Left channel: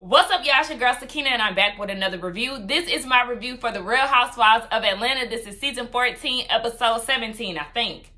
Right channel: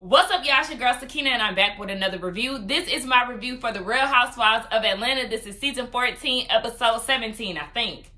What's up, y'all? It's your girl Sakina, and I'm back with another review. This is my review for the Real Housewives of Atlanta. This is season 14, episode 17, I think.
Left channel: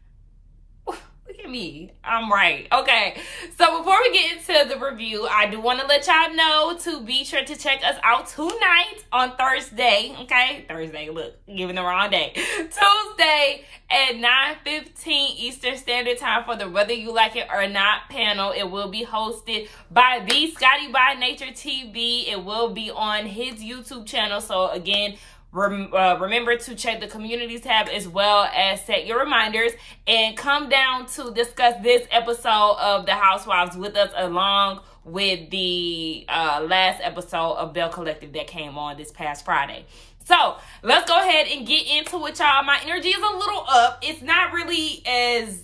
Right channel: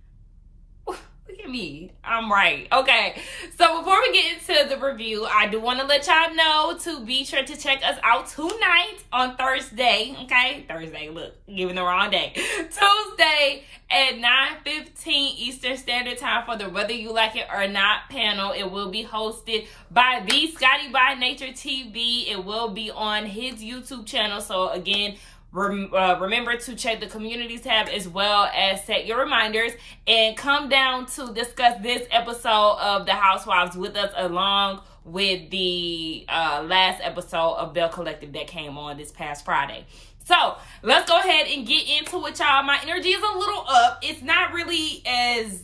Look at me. I'm right. Okay. So before we get into the review, I do want to let y'all know to be sure to check us out tonight on Thursday. Okay? Thursday, look, giving the wrong day. Tuesday at 9:15 Eastern Standard Time for the Whether You Like It or Not panel. It will be hosted by the Scotty by Nature TV. It will be on his YouTube channel. So again, remember to check the communities tab as well as set your reminders and come down to discuss this episode of The Housewives with us, along with the last episode of Bell Collective that came on this past Friday. So let's go ahead and get into it, y'all. My energy is a little up. It's not really as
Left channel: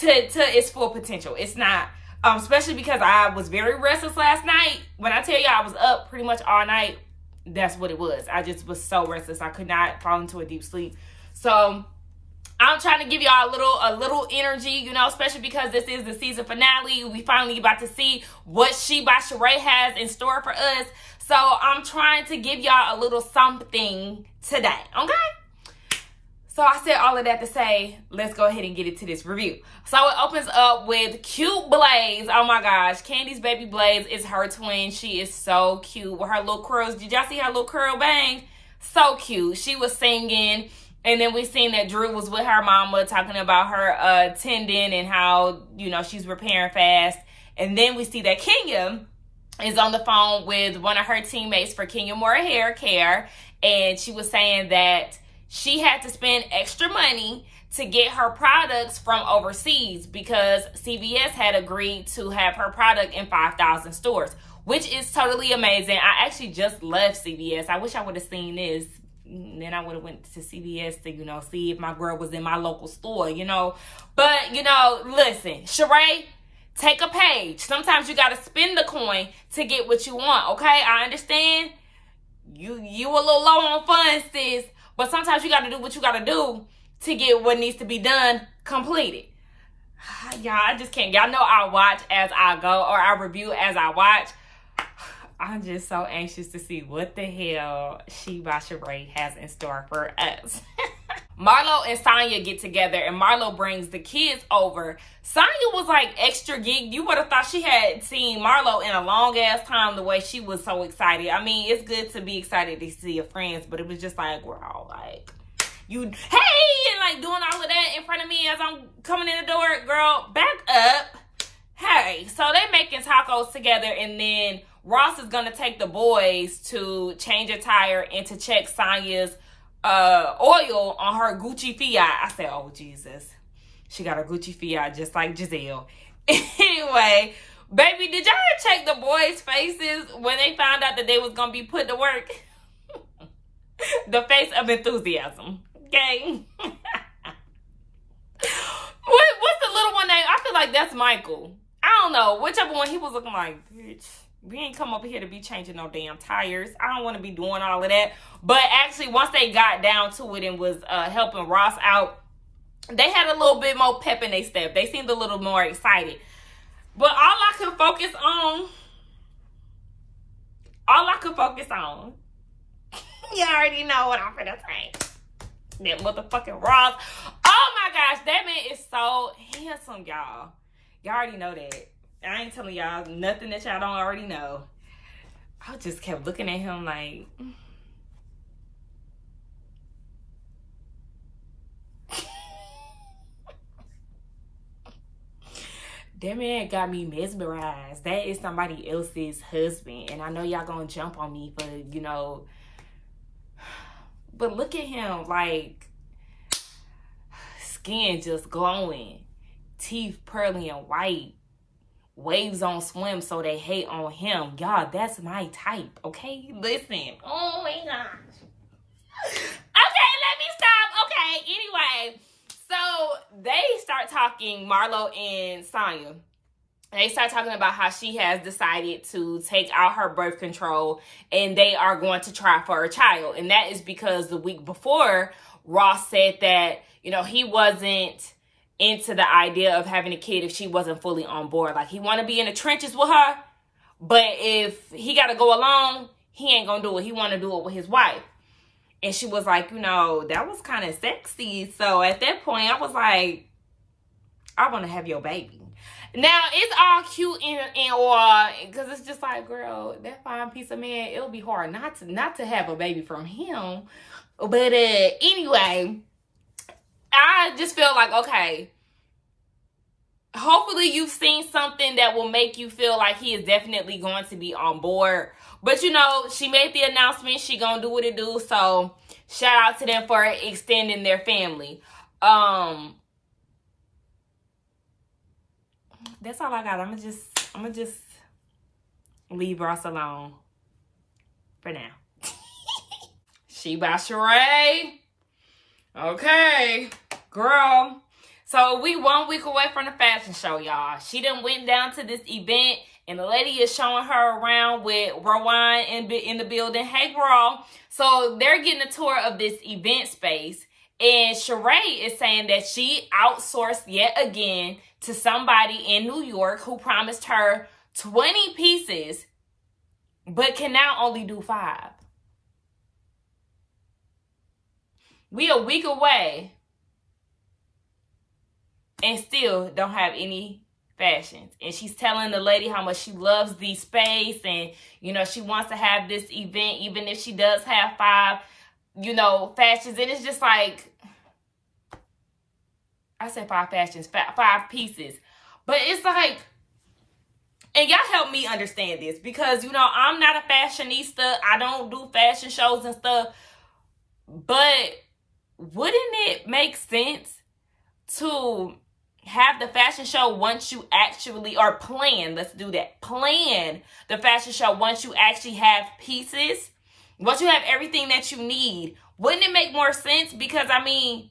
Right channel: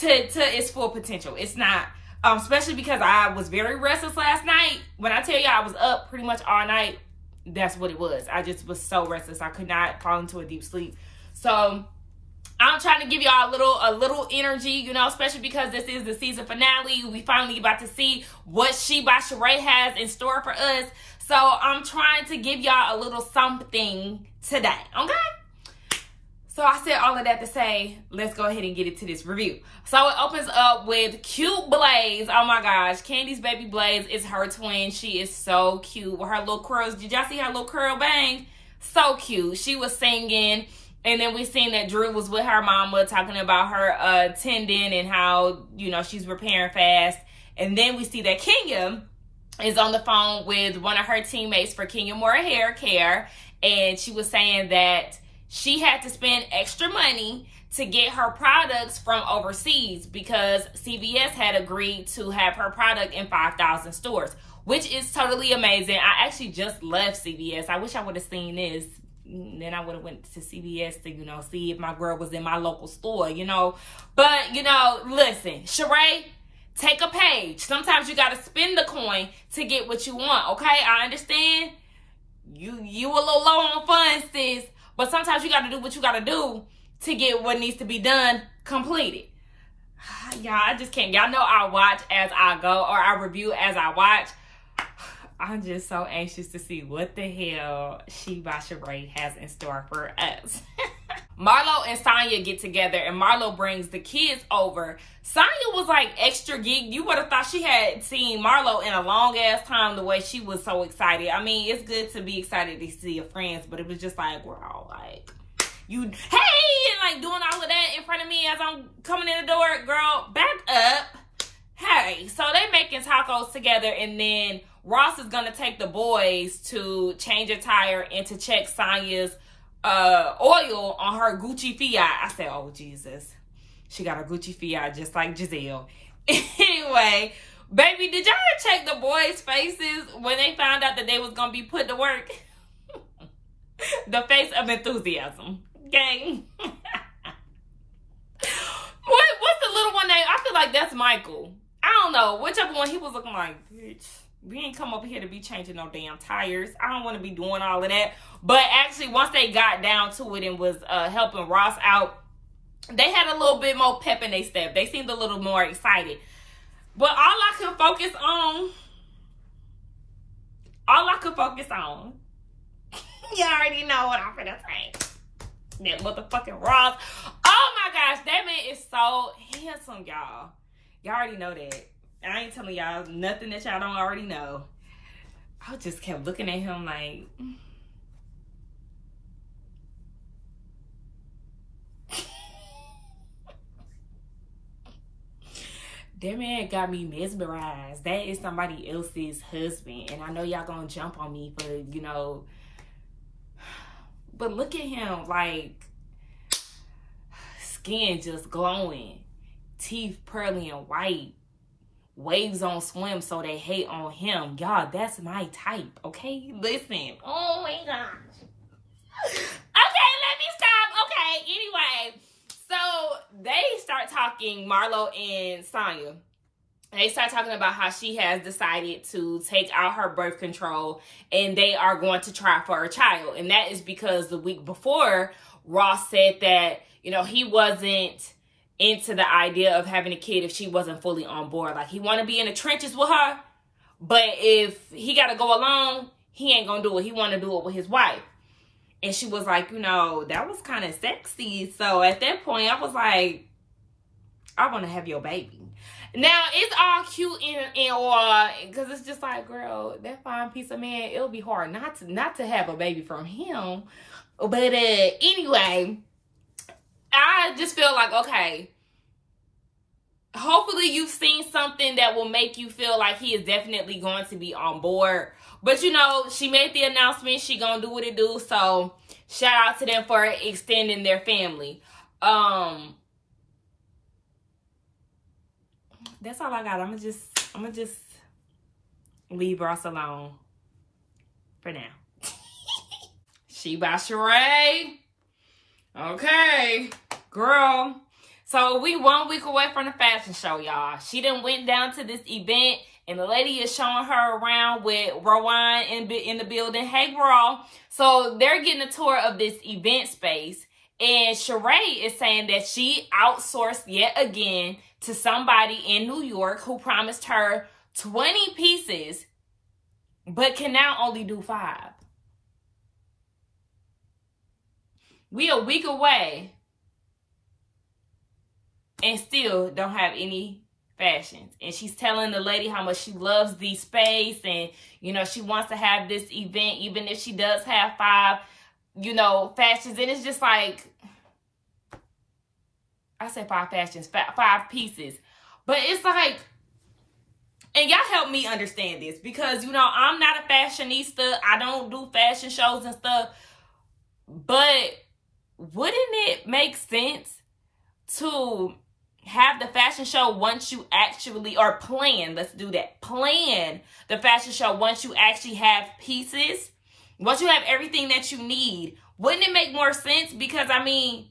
to its full potential. It's not, especially because I was very restless last night. When I tell you I was up pretty much all night, that's what it was. I just was so restless. I could not fall into a deep sleep. So I'm trying to give y'all a little energy, you know, especially because this is the season finale. We finally about to see what She by Sheree has in store for us. So I'm trying to give y'all a little something today, okay? So I said all of that to say, let's go ahead and get into this review. So it opens up with cute Blaze. Oh my gosh, Candy's baby Blaze is her twin. She is so cute with her little curls. Did y'all see her little curl bang? So cute. She was singing, and then we seen that Drew was with her mama talking about her tendon and how, you know, she's repairing fast. And then we see that Kenya is on the phone with one of her teammates for Kenya Moore Hair Care, and she was saying that she had to spend extra money to get her products from overseas because CVS had agreed to have her product in 5,000 stores, which is totally amazing. I actually just left CVS. I wish I would have seen this. Then I would have went to CVS to, you know, see if my girl was in my local store, you know. But, you know, listen, Sheree, take a page. Sometimes you got to spend the coin to get what you want, okay? I understand you a little low on funds, sis, but sometimes you got to do what you got to do to get what needs to be done completed. Y'all, I just can't. Y'all know I watch as I go, or I review as I watch. I'm just so anxious to see what the hell She by Sheree has in store for us. Marlo and Sonya get together, and Marlo brings the kids over. Sonya was like extra geek. You would have thought she had seen Marlo in a long ass time, the way she was so excited. I mean, it's good to be excited to see your friends, but it was just like, we're all like, you, hey, and like doing all of that in front of me as I'm coming in the door. Girl, back up. Hey, so they making tacos together, and then Ross is gonna take the boys to change a tire and to check Sonya's oil on her Gucci Fiat. I said, oh Jesus, she got her Gucci Fiat just like Giselle. Anyway, baby, did y'all check the boys' faces when they found out that they was gonna be put to work? The face of enthusiasm, okay? What's the little one name? I feel like that's Michael. I don't know, whichever one. He was looking like, bitch, we ain't come over here to be changing no damn tires. I don't want to be doing all of that. But actually, once they got down to it and was helping Ross out, they had a little bit more pep in their step. They seemed a little more excited. But all I could focus on, you already know what I'm finna say. That motherfucking Ross. Oh my gosh, that man is so handsome, y'all. Y'all already know that. I ain't telling y'all nothing that y'all don't already know. I just kept looking at him like, that man got me mesmerized. That is somebody else's husband. And I know y'all gonna jump on me for, you know, but look at him, like, skin just glowing, teeth pearly and white, waves on swim so they hate on him. Y'all, that's my type, okay? Listen. Oh my gosh. Okay, let me stop. Okay, anyway. So they start talking, Marlo and Sonya. They start talking about how she has decided to take out her birth control and they are going to try for a child. And that is because the week before, Ross said that, you know, he wasn't into the idea of having a kid if she wasn't fully on board. Like, he want to be in the trenches with her, But if he got to go alone, he ain't going to do it. He want to do it with his wife. And she was like, you know, that was kind of sexy. So at that point, I was like, I want to have your baby. Now, it's all cute and all, because it's just like, girl, that fine piece of man, it'll be hard not to have a baby from him. But anyway, I just feel like, okay, hopefully you've seen something that will make you feel like he is definitely going to be on board. But, you know, she made the announcement. She gonna do what it do. So, shout out to them for extending their family. That's all I got. I'm gonna just leave Ross alone for now. She by Sheree. Okay, girl. So we 1 week away from the fashion show, y'all. She done went down to this event, and the lady is showing her around with RHOA in the building. Hey, girl. So they're getting a tour of this event space. And Sheree is saying that she outsourced yet again to somebody in New York who promised her 20 pieces, but can now only do 5. We a week away and still don't have any fashions. And she's telling the lady how much she loves the space, and, you know, she wants to have this event even if she does have 5, you know, fashions. And it's just like, I said 5 fashions, 5 pieces. But it's like, and y'all help me understand this, because, you know, I'm not a fashionista. I don't do fashion shows and stuff. But wouldn't it make sense to have the fashion show once you actually, or plan, let's do that, plan the fashion show once you actually have pieces, once you have everything that you need? Wouldn't it make more sense? Because, I mean,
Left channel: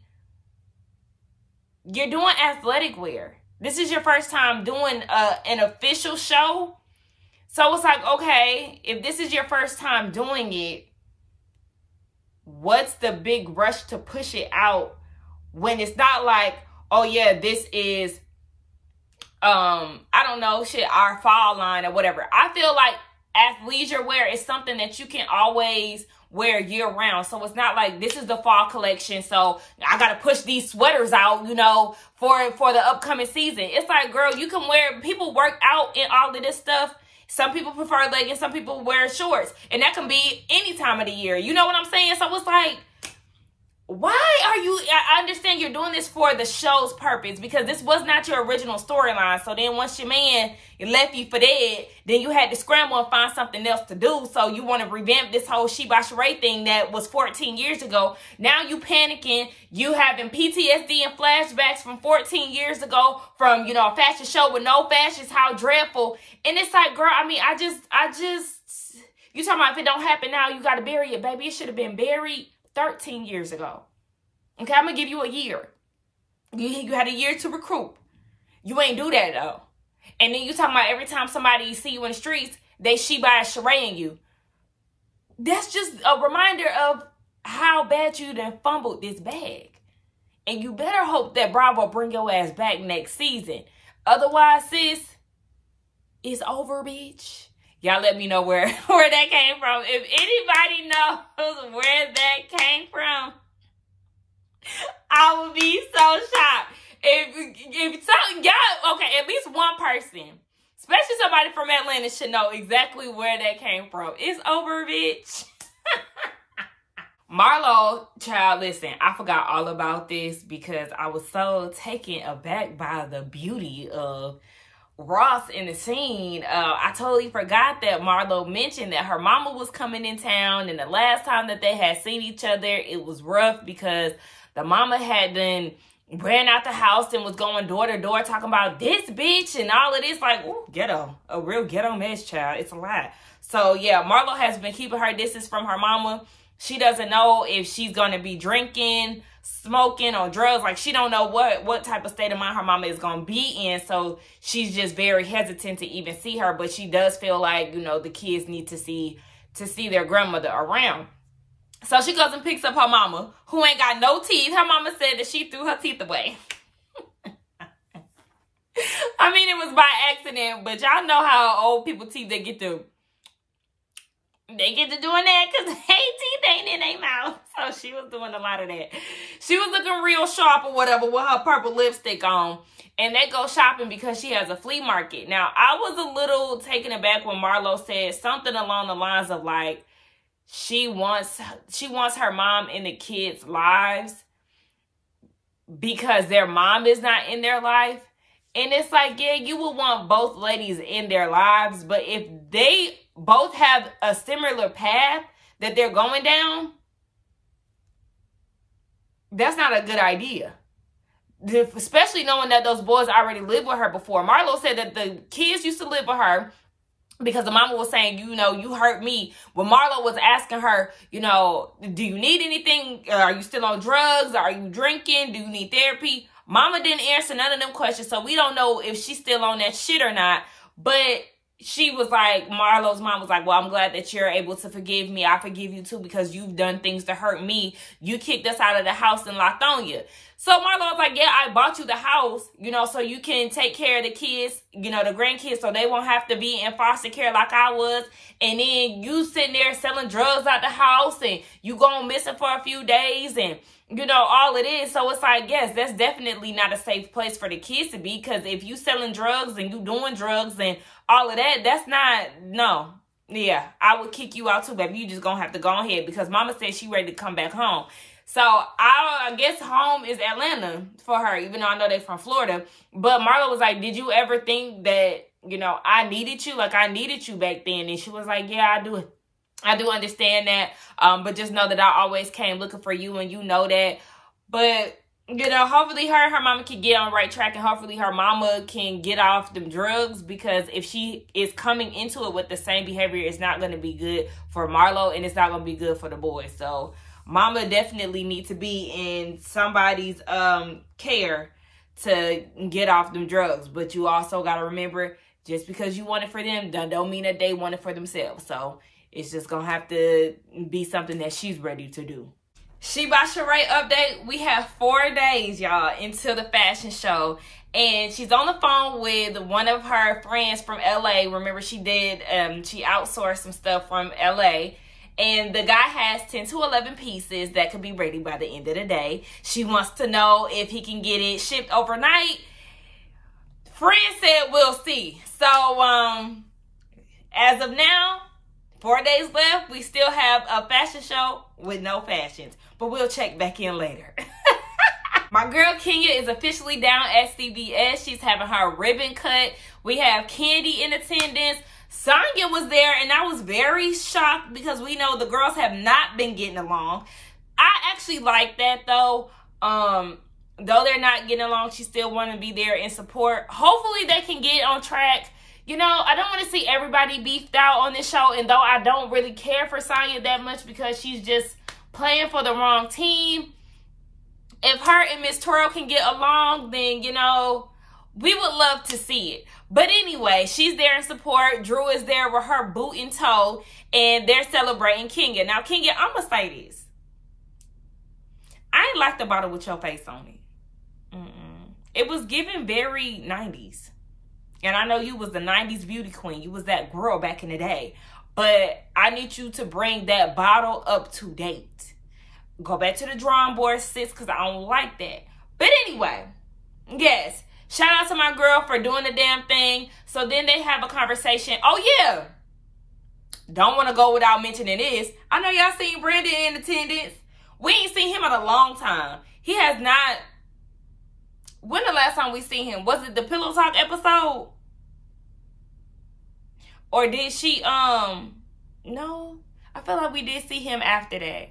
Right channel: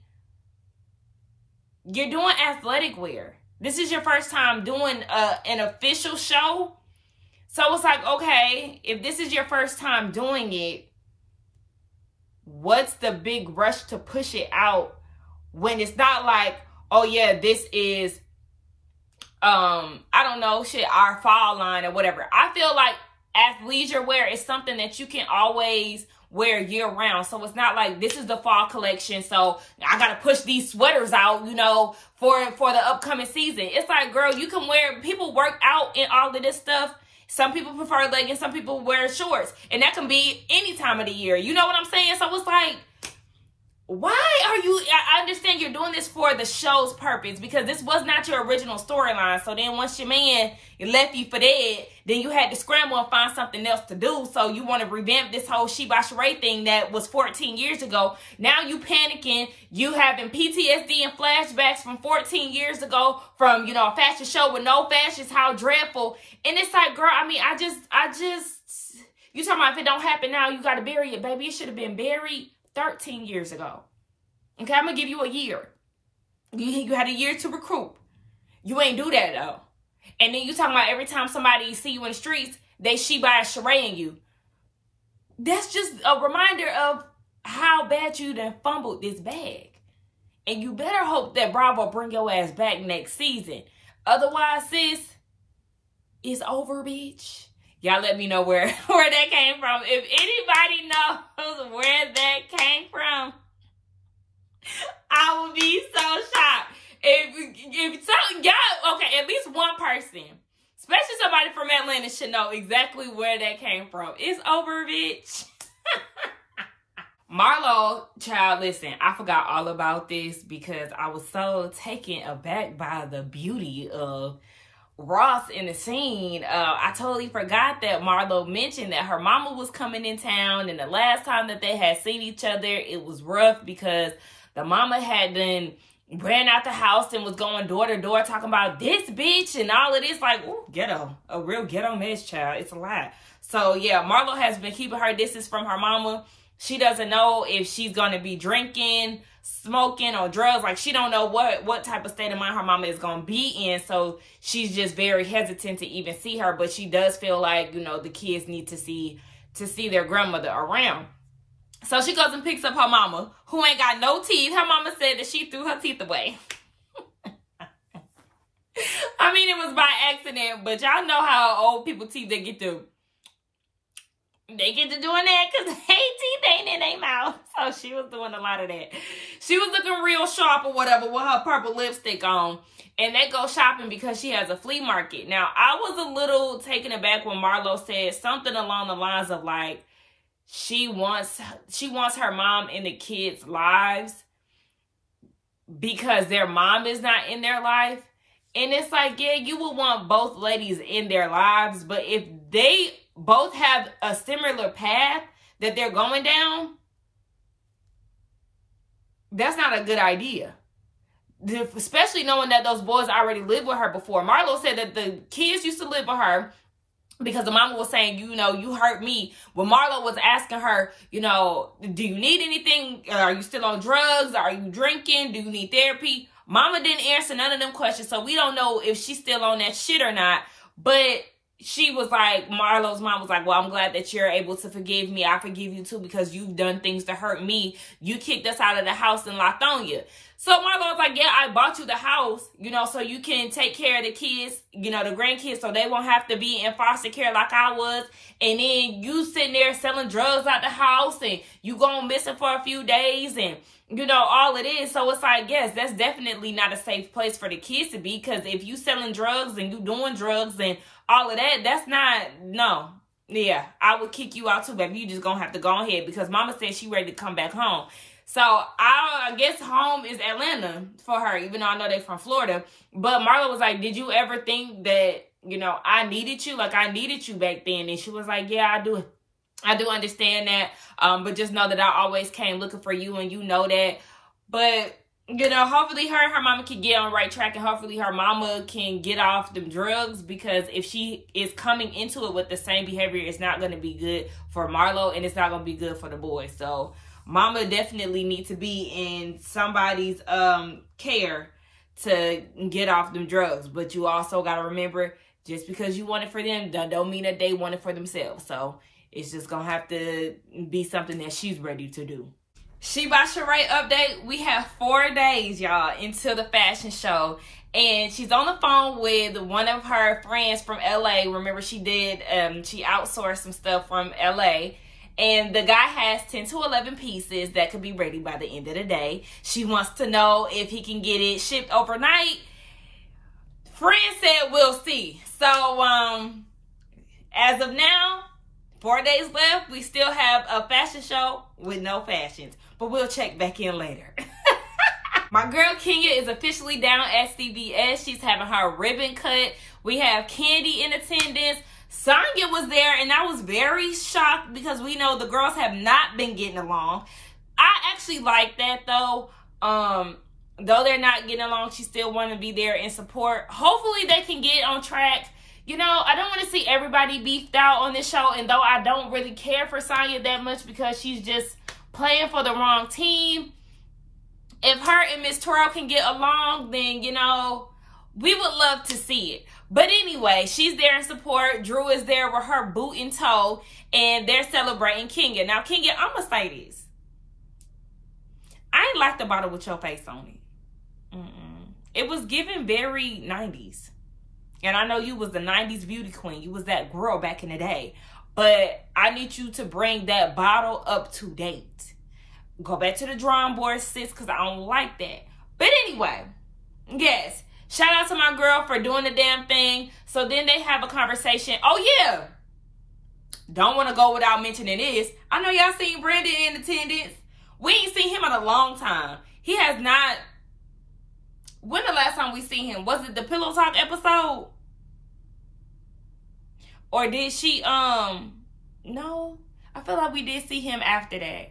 you're doing athletic wear. This is your first time doing an official show. So it's like, okay, if this is your first time doing it, what's the big rush to push it out when it's not like, oh yeah, this is, I don't know, shit, our fall line or whatever. I feel like athleisure wear is something that you can always wear year round. So it's not like this is the fall collection, so I gotta push these sweaters out, you know, for the upcoming season. It's like, girl, you can wear, people work out in all of this stuff. Some people prefer leggings, some people wear shorts, and that can be any time of the year. You know what I'm saying? So it's like, why are you, I understand you're doing this for the show's purpose, because this was not your original storyline. So then once your man left you for dead, then you had to scramble and find something else to do. So you want to revamp this whole She by Sheree thing that was 14 years ago. Now you panicking, you having PTSD and flashbacks from 14 years ago from, you know, a fashion show with no fashions, how dreadful. And it's like, girl, I mean, I just, you talking about if it don't happen now, you got to bury it, baby. It should have been buried 13 years ago. Okay, I'm going to give you a year. You had a year to recruit. You ain't do that, though. And then you talking about every time somebody see you in the streets, they She by Sheree you. That's just a reminder of how bad you done fumbled this bag. And you better hope that Bravo bring your ass back next season. Otherwise, sis, it's over, bitch. Y'all let me know where that came from. If anybody knows where that came from, I will be so shocked. If some, y'all, okay, at least one person, especially somebody from Atlanta, should know exactly where that came from. It's over, bitch. Marlo, child, listen, I forgot all about this because I was so taken aback by the beauty of Ross in the scene. I totally forgot that Marlo mentioned that her mama was coming in town, and the last time that they had seen each other, it was rough because the mama had then ran out the house and was going door to door talking about this bitch and all of this, like, ooh, ghetto, a real ghetto mess, child. It's a lot. So yeah, Marlo has been keeping her distance from her mama. She doesn't know if she's gonna be drinking, smoking, or drugs. Like, she don't know what type of state of mind her mama is gonna be in. So she's just very hesitant to even see her. But she does feel like, you know, the kids need to see their grandmother around. So she goes and picks up her mama, who ain't got no teeth. Her mama said that she threw her teeth away. I mean, it was by accident, but y'all know how old people teeth, they get to doing that because they teeth ain't in their mouth. So she was doing a lot of that. She was looking real sharp or whatever with her purple lipstick on. And they go shopping because she has a flea market. Now, I was a little taken aback when Marlo said something along the lines of like, she wants her mom in the kids' lives because their mom is not in their life. And it's like, yeah, you would want both ladies in their lives. But if they both have a similar path that they're going down, that's not a good idea. Especially knowing that those boys already lived with her before. Marlo said that the kids used to live with her because the mama was saying, you know, you hurt me. When Marlo was asking her, you know, do you need anything? Are you still on drugs? Are you drinking? Do you need therapy? Mama didn't answer none of them questions, so we don't know if she's still on that shit or not. But she was like, Marlo's mom was like, well, I'm glad that you're able to forgive me. I forgive you too because you've done things to hurt me. You kicked us out of the house and locked on you. So Marlo was like, yeah, I bought you the house, you know, so you can take care of the kids, you know, the grandkids, so they won't have to be in foster care like I was. And then you sitting there selling drugs out the house and you going missing for a few days and, you know, all it is. So it's like, yes, that's definitely not a safe place for the kids to be, because if you selling drugs and you doing drugs and all of that, that's not, no. Yeah, I would kick you out too, baby. You just gonna have to go ahead because mama said she ready to come back home. So I guess home is Atlanta for her, even though I know they're from Florida. But Marlo was like, did you ever think that, you know, I needed you? Like I needed you back then. And she was like, yeah, I do. I do understand that. But just know that I always came looking for you and you know that. But, you know, hopefully her mama can get on the right track and hopefully her mama can get off the drugs, because if she is coming into it with the same behavior, it's not going to be good for Marlo and it's not going to be good for the boys. So mama definitely needs to be in somebody's care to get off them drugs. But you also got to remember, just because you want it for them, don't mean that they want it for themselves. So it's just going to have to be something that she's ready to do. She by Sheree update. We have 4 days, y'all, until the fashion show. And she's on the phone with one of her friends from LA. Remember, she did, she outsourced some stuff from LA. And the guy has 10 to 11 pieces that could be ready by the end of the day. She wants to know if he can get it shipped overnight. Friend said we'll see. So, as of now, 4 days left. We still have a fashion show with no fashions. But we'll check back in later. My girl Kenya is officially down at CVS. She's having her ribbon cut. We have Candy in attendance. Sonya was there, and I was very shocked because we know the girls have not been getting along. I actually like that, though. Though they're not getting along, she still want to be there in support. Hopefully, they can get on track. You know, I don't want to see everybody beefed out on this show, and though I don't really care for Sonya that much because she's just playing for the wrong team. If her and Miss Twirl can get along, then, you know, we would love to see it. But anyway, she's there in support. Drew is there with her boot in tow, and they're celebrating Kenya. Now, Kenya, I'm going to say this. I ain't like the bottle with your face on it. It was given very 90s. And I know you was the 90s beauty queen. You was that girl back in the day. But I need you to bring that bottle up to date. Go back to the drawing board, sis, because I don't like that. But anyway, yes. Shout out to my girl for doing the damn thing. So then they have a conversation. Oh, yeah. Don't want to go without mentioning this. I know y'all seen Brandon in attendance. We ain't seen him in a long time. He has not. When the last time we seen him? Was it the Pillow Talk episode? Or did she, no. I feel like we did see him after that.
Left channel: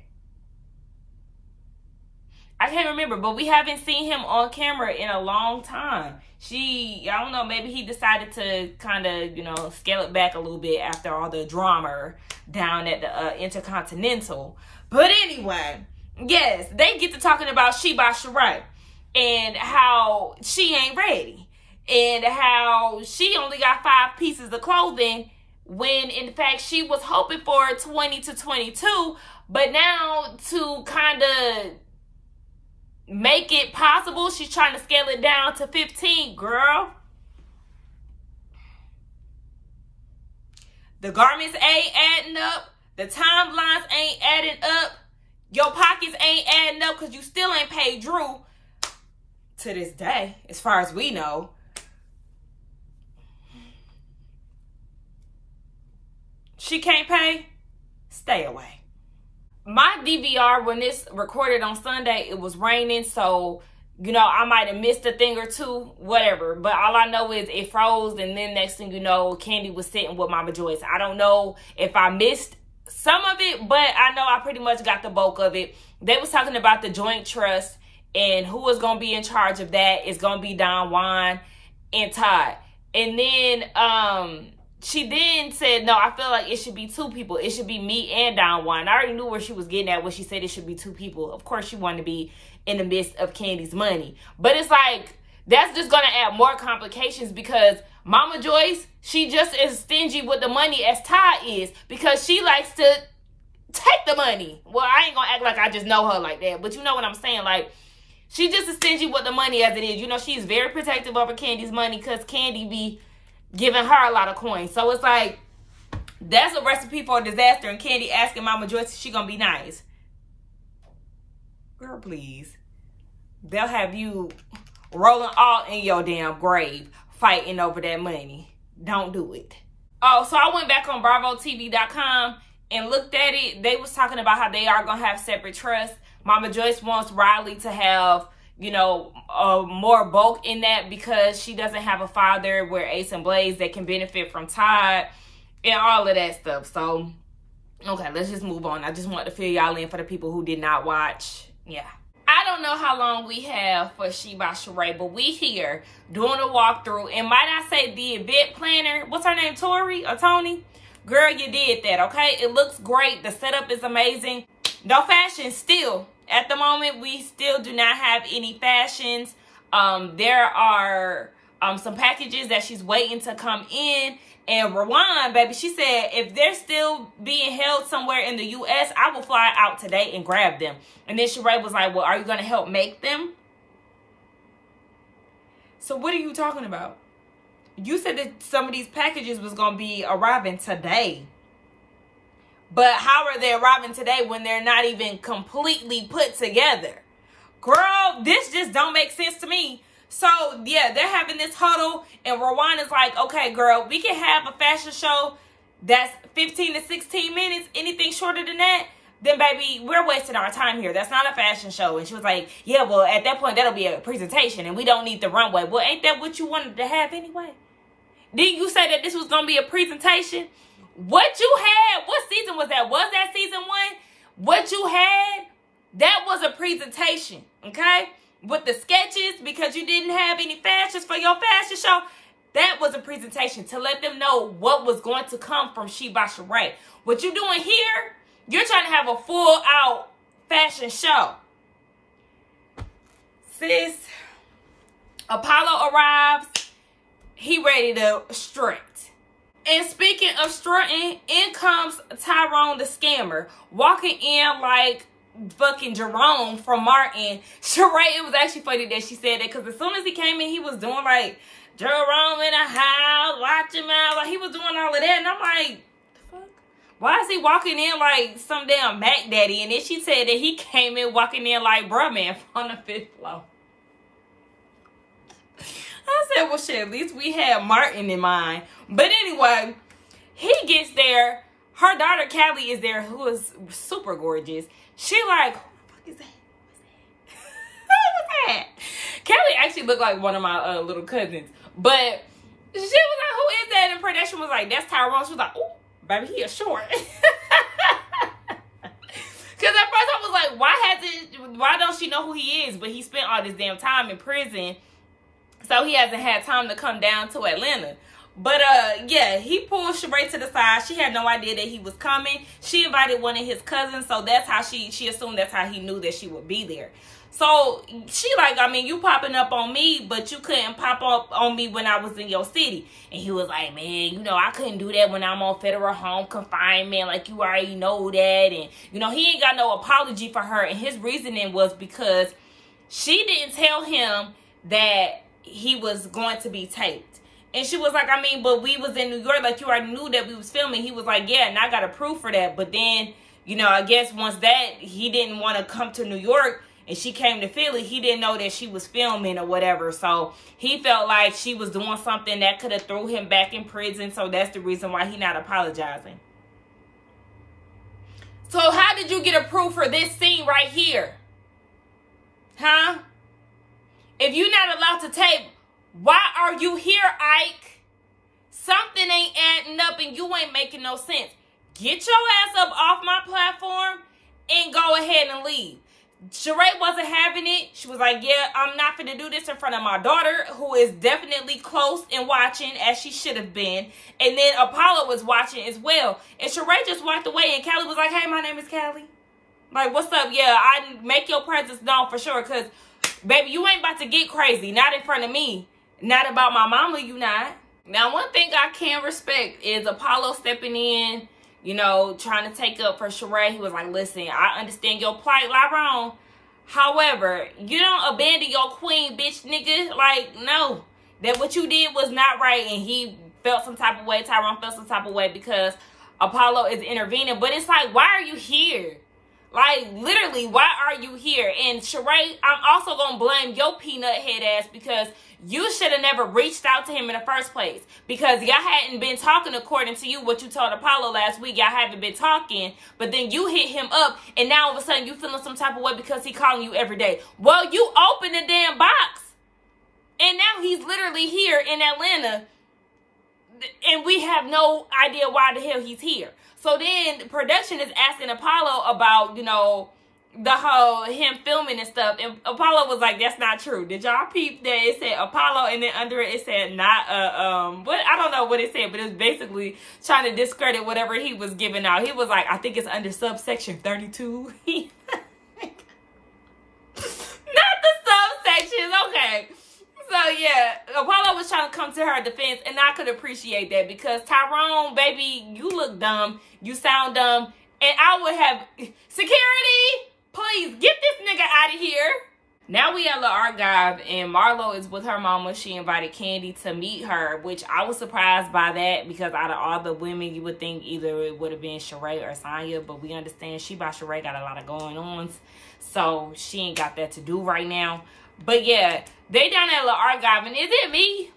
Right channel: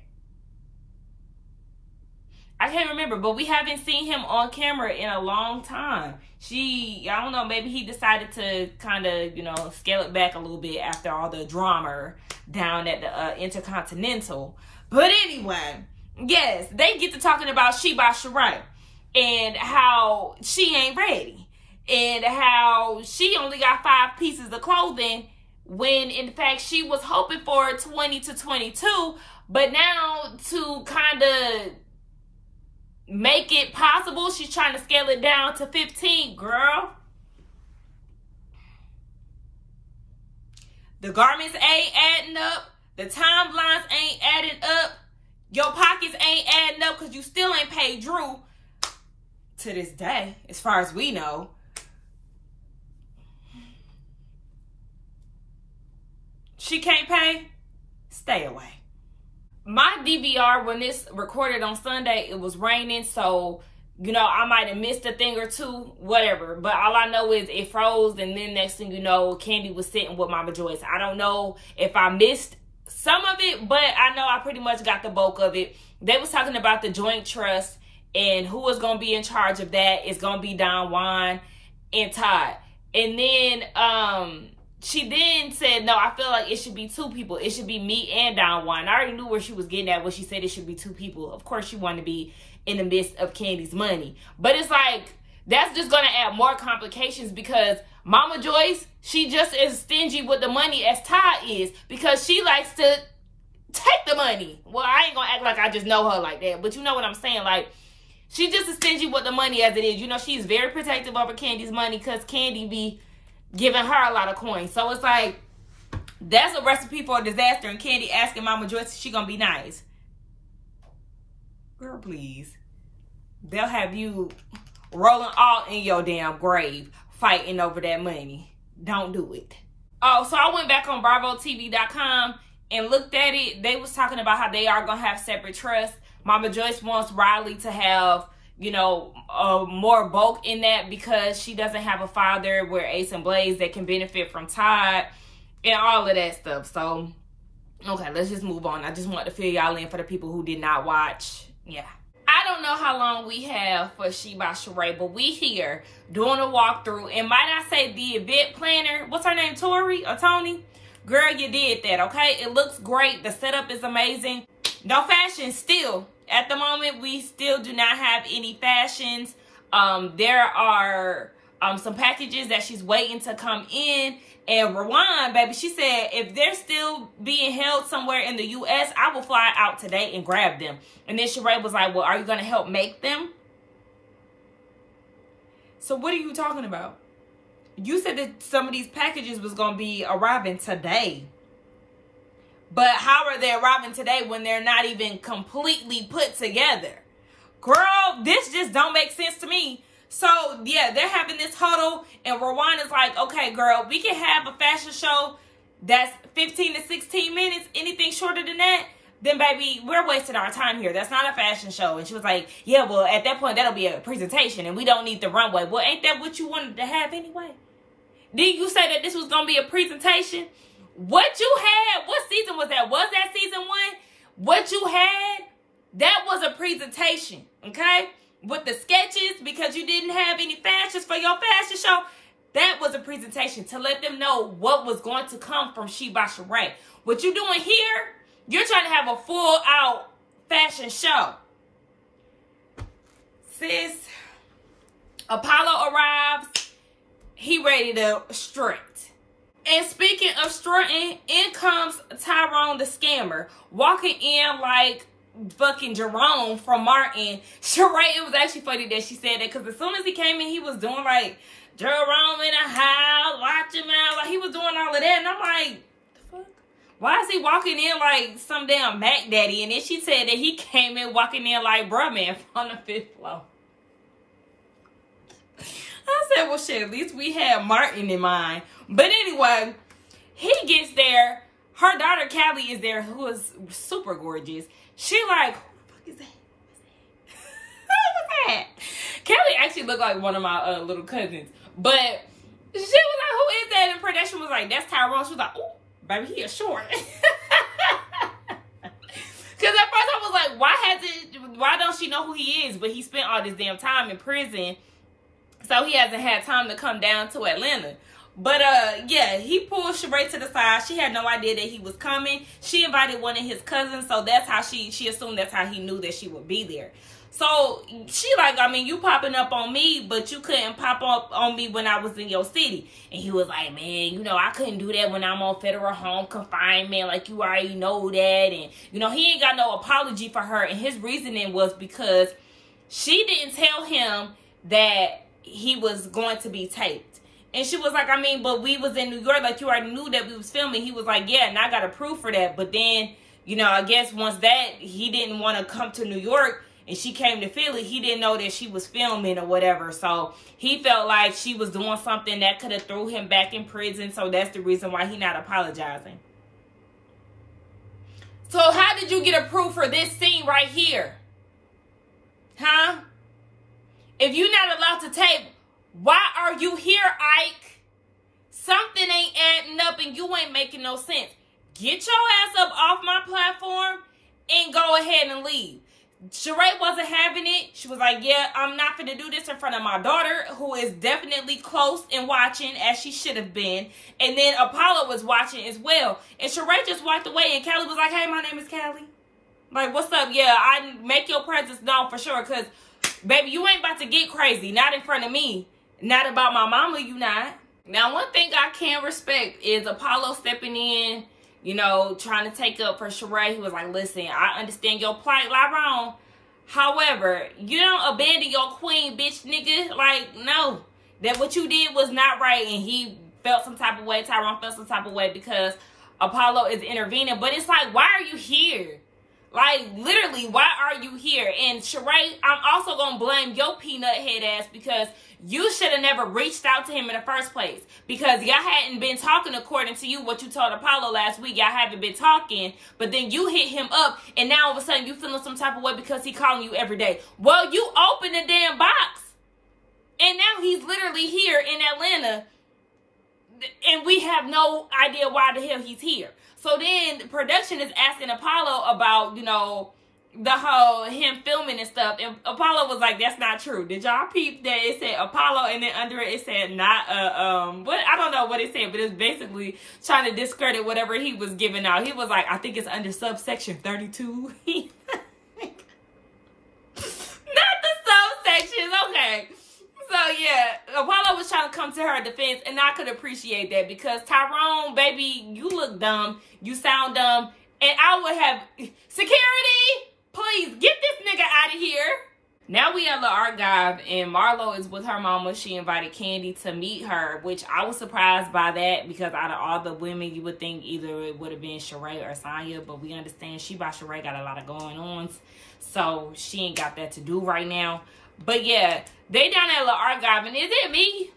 I can't remember, but we haven't seen him on camera in a long time. I don't know, maybe he decided to kind of, you know, scale it back a little bit after all the drama down at the Intercontinental. But anyway, yes, they get to talking about She by Sheree and how she ain't ready and how she only got 5 pieces of clothing when, in fact, she was hoping for 20 to 22. But now to kind of make it possible, she's trying to scale it down to 15, girl. The garments ain't adding up. The timelines ain't adding up. Your pockets ain't adding up because you still ain't paid Drew to this day, as far as we know. She can't pay? Stay away. My DVR, when this recorded on Sunday, it was raining, so, you know, I might have missed a thing or two, whatever. But all I know is it froze, and then next thing you know, Candy was sitting with Mama Joyce. I don't know if I missed some of it, but I know I pretty much got the bulk of it. They was talking about the joint trust, and who is going to be in charge of that is going to be Don Juan and Todd. And then, she then said, no, I feel like it should be two people. It should be me and Don Juan. I already knew where she was getting at when she said it should be two people. Of course, she wanted to be in the midst of Candy's money. But it's like, that's just going to add more complications because Mama Joyce, she just as stingy with the money as Todd is because she likes to take the money. Well, I ain't going to act like I just know her like that. But you know what I'm saying? Like, she's just as stingy with the money as it is. You know, she's very protective over Candy's money because Candy be giving her a lot of coins. So it's like, that's a recipe for a disaster. And Candy asking Mama Joyce if she gonna be nice. Girl, please. They'll have you rolling all in your damn grave fighting over that money. Don't do it. Oh, so I went back on BravoTV.com and looked at it. They was talking about how they are gonna have separate trusts. Mama Joyce wants Riley to have, you know, more bulk in that because she doesn't have a father where Ace and Blaze that can benefit from Todd and all of that stuff. So, okay, let's just move on. I just want to fill y'all in for the people who did not watch. Yeah. I don't know how long we have for She by Sheree, but we here doing a walkthrough. And might I say the event planner, what's her name, Tori or Tony? Girl, you did that, okay? It looks great. The setup is amazing. No fashion still. At the moment, we still do not have any fashions. There are some packages that she's waiting to come in. And Rowan, baby, she said if they're still being held somewhere in the U.S., I will fly out today and grab them. And then Sheree was like, well, are you going to help make them? So what are you talking about? You said that some of these packages was going to be arriving today. But how are they arriving today when they're not even completely put together? Girl, this just don't make sense to me. So, yeah, they're having this huddle. And Rowan is like, okay, girl, we can have a fashion show that's 15 to 16 minutes. Anything shorter than that, then, baby, we're wasting our time here. That's not a fashion show. And she was like, yeah, well, at that point, that'll be a presentation. And we don't need the runway. Well, ain't that what you wanted to have anyway? Didn't you say that this was going to be a presentation? What you had, what season was that? Was that season 1? What you had, that was a presentation, okay? With the sketches, because you didn't have any fashions for your fashion show, that was a presentation to let them know what was going to come from She by Sheree. What you're doing here, you're trying to have a full-out fashion show. Sis, Apollo arrives. He ready to strut. And speaking of strutting, in comes Tyrone the scammer, walking in like fucking Jerome from Martin. Sheree, it was actually funny that she said that because as soon as he came in, he was doing like Jerome in the house, watch him out. Like he was doing all of that. And I'm like, the fuck? Why is he walking in like some damn Mac Daddy? And then she said that he came in walking in like bruh man on the 5th floor. I said, well, shit, at least we had Martin in mind. But anyway, he gets there. Her daughter, Callie, is there, who is super gorgeous. She like, who the fuck is that? Who was that? Callie actually looked like one of my little cousins. But she was like, who is that? And production was like, that's Tyrone. She was like, oh, baby, he is short. Because at first I was like, why don't she know who he is? But he spent all this damn time in prison. So he hasn't had time to come down to Atlanta. But, yeah, he pulled Sheree to the side. She had no idea that he was coming. She invited one of his cousins. So that's how she assumed that's how he knew that she would be there. So she like, I mean, you popping up on me, but you couldn't pop up on me when I was in your city. And he was like, man, you know, I couldn't do that when I'm on federal home confinement. Like, you already know that. And, you know, he ain't got no apology for her. And his reasoning was because she didn't tell him that he was going to be taped. And she was like, I mean, but we was in New York, like you already knew that we was filming. He was like, yeah, and I got approved for that. But then, you know, I guess once that, he didn't want to come to New York and she came to Philly, he didn't know that she was filming or whatever. So he felt like she was doing something that could have threw him back in prison. So that's the reason why he not apologizing. So how did you get approved for this scene right here? Huh? If you're not allowed to tape, why are you here, Ike? Something ain't adding up and you ain't making no sense. Get your ass up off my platform and go ahead and leave. Sheree wasn't having it. She was like, yeah, I'm not going to do this in front of my daughter, who is definitely close and watching, as she should have been. And then Apollo was watching as well. And Sheree just walked away, and Callie was like, hey, my name is Callie. Like, what's up? Yeah, I make your presence known for sure, because, baby, you ain't about to get crazy. Not in front of me. Not about my mama, you not. Now, one thing I can respect is Apollo stepping in, you know, trying to take up for Sheree. He was like, listen, I understand your plight, lie wrong. However, you don't abandon your queen, bitch, nigga. Like, no. That what you did was not right. And he felt some type of way. Tyrone felt some type of way because Apollo is intervening. But it's like, why are you here? Like, literally, why are you here? And Sheree, I'm also going to blame your peanut head ass because you should have never reached out to him in the first place. Because y'all hadn't been talking according to you, what you told Apollo last week. Y'all haven't been talking. But then you hit him up. And now all of a sudden you feeling some type of way because he calling you every day. Well, you opened the damn box. And now he's literally here in Atlanta. And we have no idea why the hell he's here. So then production is asking Apollo about, you know, the whole him filming and stuff. And Apollo was like, that's not true. Did y'all peep that it said Apollo and then under it said not what I don't know what it said, but it's basically trying to discredit whatever he was giving out. He was like, I think it's under subsection 32. Not the subsections, okay. So yeah, Apollo was trying to come to her defense, and I could appreciate that because Tyrone, baby, you look dumb, you sound dumb, and I would have security. Please get this nigga out of here. Now we at the archive, and Marlo is with her mama. She invited Candy to meet her, which I was surprised by that because out of all the women, you would think either it would have been Sheree or Sonya, but we understand she by Sheree got a lot of going on, so she ain't got that to do right now. But yeah, they down at the archive, and is it me?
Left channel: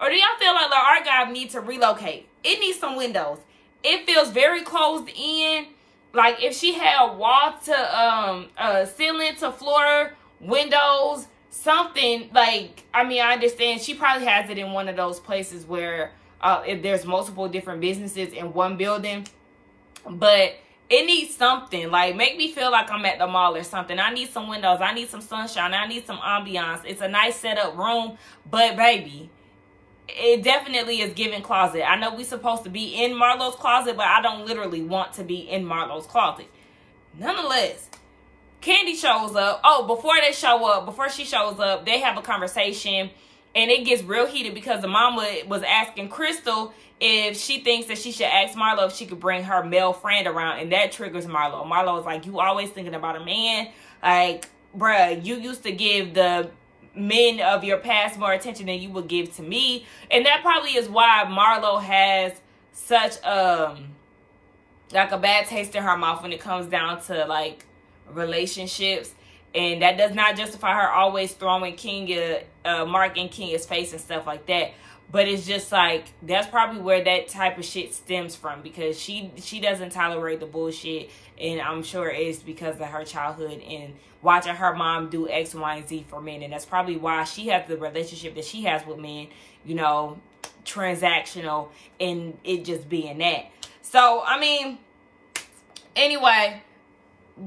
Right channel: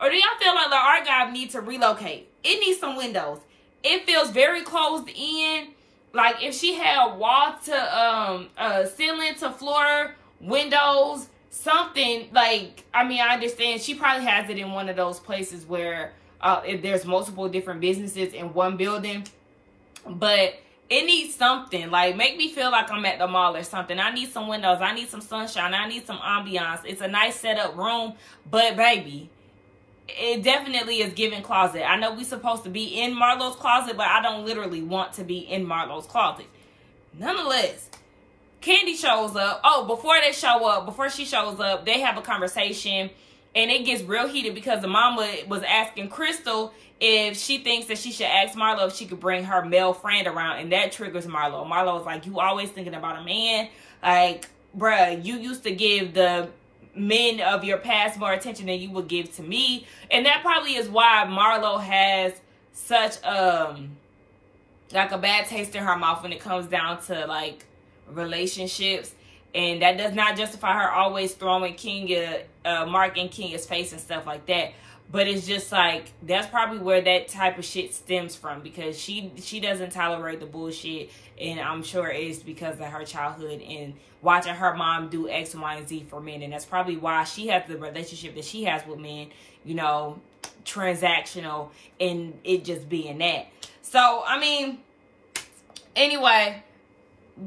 Or do y'all feel like the archive needs to relocate? It needs some windows. It feels very closed in. Like if she had wall to ceiling to floor windows, something like, I mean, I understand she probably has it in one of those places where if there's multiple different businesses in one building, but it needs something. Like make me feel like I'm at the mall or something. I need some windows. I need some sunshine. I need some ambiance. It's a nice setup room, but baby, it definitely is giving closet. I know we supposed to be in Marlo's closet, but I don't literally want to be in Marlo's closet. Nonetheless, Candy shows up. Oh, before she shows up, they have a conversation, and it gets real heated because the mama was asking Crystal if she thinks that she should ask Marlo if she could bring her male friend around, and that triggers Marlo. Marlo was like, you always thinking about a man. Like, bruh, you used to give the men of your past more attention than you would give to me. And that probably is why Marlo has such like a bad taste in her mouth when it comes down to like relationships. And that does not justify her always throwing Mark in Kenya's face and stuff like that. But it's just like, that's probably where that type of shit stems from, because she doesn't tolerate the bullshit. And I'm sure it's because of her childhood and watching her mom do X, Y, and Z for men. And that's probably why she has the relationship that she has with men, you know, transactional, and it just being that. So, I mean, anyway,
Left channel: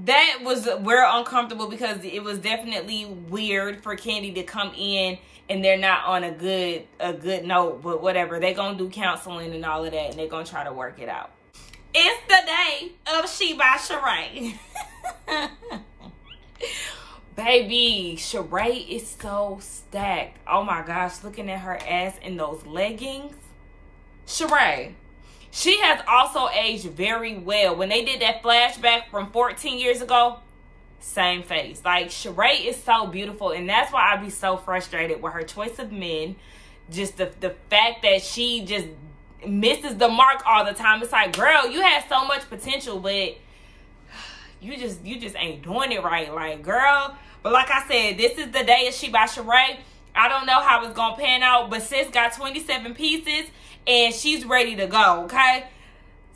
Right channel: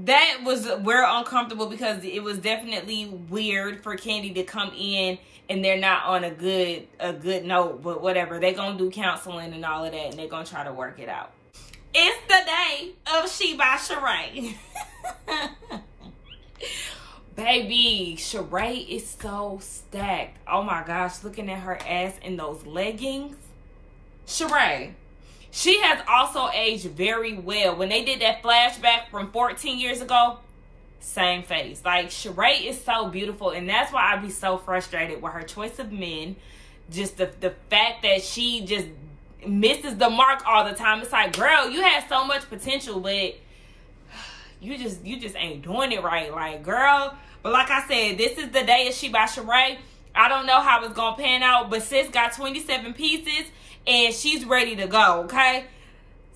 that was real uncomfortable because it was definitely weird for Candy to come in and they're not on a good note, but whatever. They're going to do counseling and all of that, and they're going to try to work it out. It's the day of She by Sheree. Baby, Sheree is so stacked. Oh my gosh, looking at her ass in those leggings. Sheree, she has also aged very well. When they did that flashback from 14 years ago, same face. Like, Sheree is so beautiful, and that's why I be so frustrated with her choice of men. just the fact that she just misses the mark all the time. It's like, girl, you had so much potential, but you just ain't doing it right. Like, girl. But like I said, this is the day of She by Sheree. I don't know how it's gonna pan out, but sis got 27 pieces and she's ready to go, okay?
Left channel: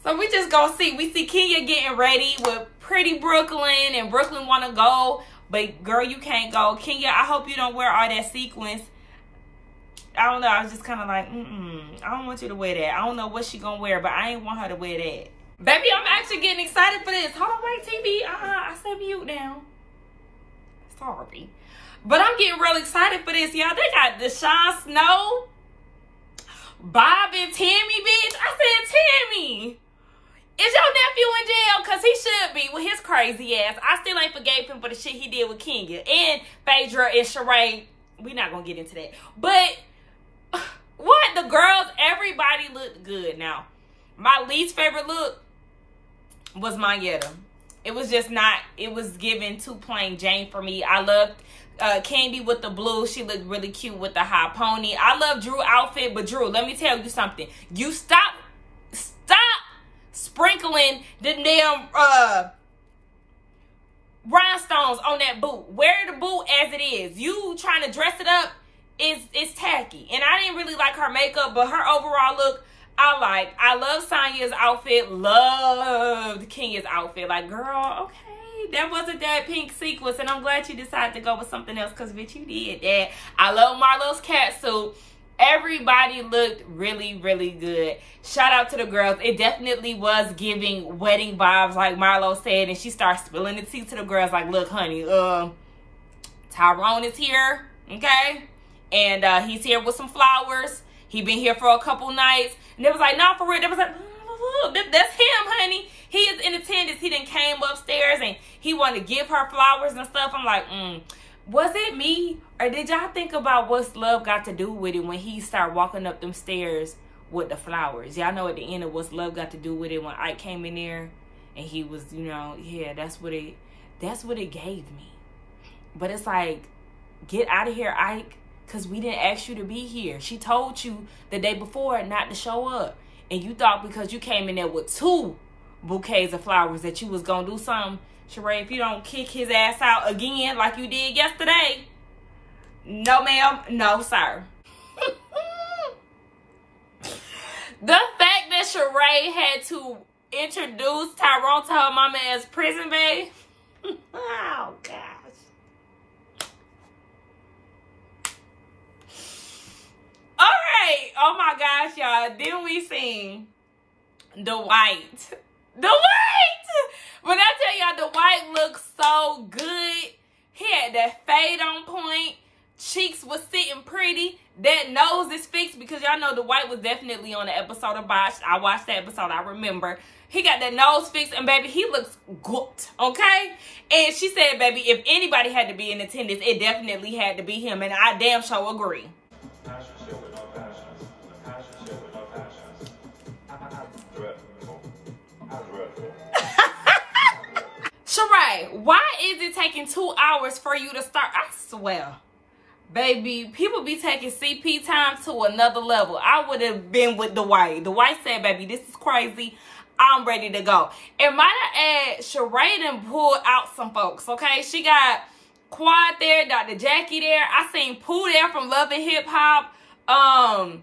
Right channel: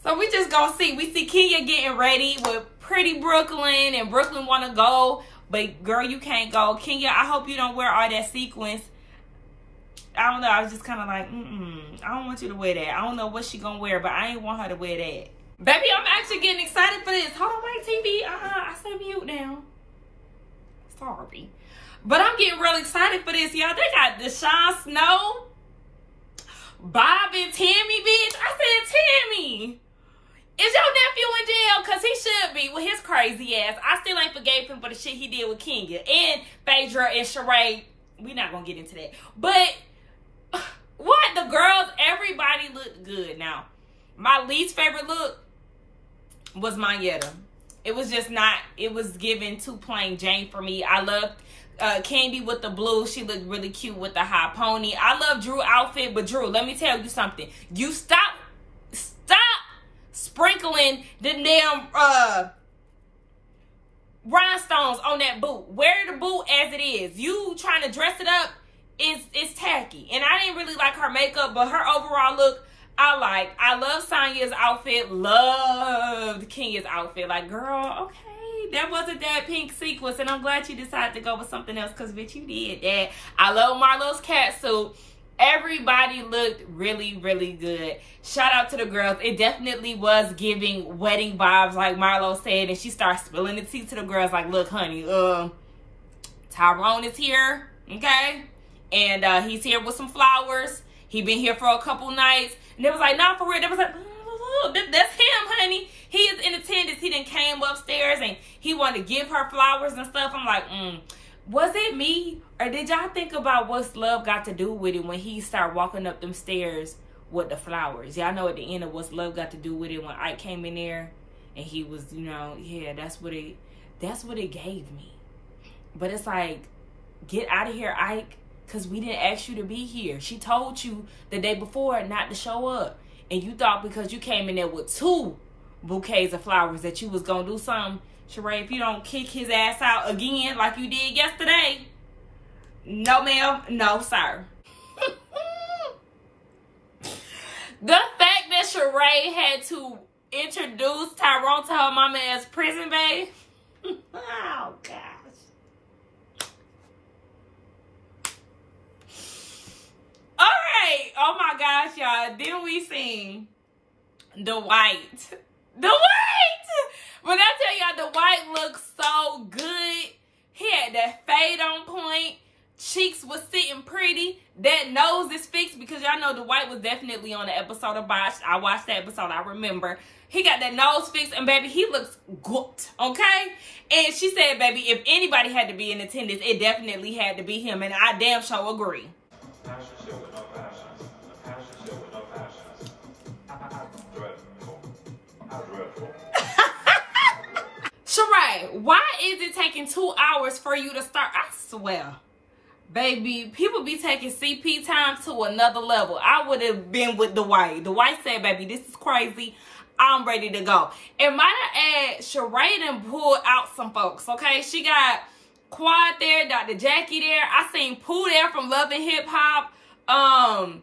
So we just gonna see. We see Kenya getting ready with pretty Brooklyn, and Brooklyn wanna go, but girl, you can't go. Kenya, I hope you don't wear all that sequins. I don't know. I was just kind of like, I don't want you to wear that. I don't know what she gonna wear, but I ain't want her to wear that. Baby, I'm actually getting excited for this. Hold on, wait, TV. I said mute now. Sorry. But I'm getting real excited for this, y'all. They got Deshaun Snow, Bob and Tammy, bitch. I said, Tammy, is your nephew in jail? Because he should be with his crazy ass. I still ain't forgave him for the shit he did with Kenya and Phaedra and Sheree. We not going to get into that. But what? The girls, everybody looked good. Now, my least favorite look was Mayetta. It was just not, it was given too plain Jane for me. I loved Candy with the blue. She looked really cute with the high pony. I love Drew outfit, but Drew, let me tell you something. You stop sprinkling the damn rhinestones on that boot. Wear the boot as it is. You trying to dress it up is tacky. And I didn't really like her makeup, but her overall look, I like. I love Sonya's outfit. Loved Kenya's outfit. Like, girl, okay, that wasn't that pink sequence, and I'm glad you decided to go with something else, because bitch, you did that. I love Marlo's cat suit. Everybody looked really, really good. Shout out to the girls. It definitely was giving wedding vibes, like Marlo said, and she started spilling the tea to the girls. Like, look, honey, Tyrone is here, okay? And he's here with some flowers. He been here for a couple nights. And they was like, no, for real. They was like, that's him, honey. He is in attendance. He done came upstairs and he wanted to give her flowers and stuff. I'm like, was it me? Or did y'all think about what's love got to do with it when he started walking up them stairs with the flowers? Y'all know at the end of what's love got to do with it when Ike came in there and he was, you know, yeah, that's what it gave me. But it's like, get out of here, Ike, because we didn't ask you to be here. She told you the day before not to show up. And you thought because you came in there with 2 bouquets of flowers that you was going to do something. Sheree, if you don't kick his ass out again like you did yesterday, no ma'am, no sir. The fact that Sheree had to introduce Tyrone to her mama as prison babe. Oh, gosh. All right. Oh, my gosh, y'all. Then we seen Dwight. When I tell y'all, Dwight looks so good. He had that fade on point. Cheeks was sitting pretty. That nose is fixed, because y'all know Dwight was definitely on the episode of Botched. I watched that episode. I remember. He got that nose fixed, and baby, he looks good, okay? And she said, baby, if anybody had to be in attendance, it definitely had to be him, and I damn sure agree. Sheree, why is it taking 2 hours for you to start? I swear, baby, people be taking CP time to another level. I would have been with Dwight. Dwight said, baby, this is crazy. I'm ready to go. And might I add, Sheree done pulled out some folks, okay? She got Quad there, Dr. Jackie there. I seen Pooh there from Love and Hip Hop. I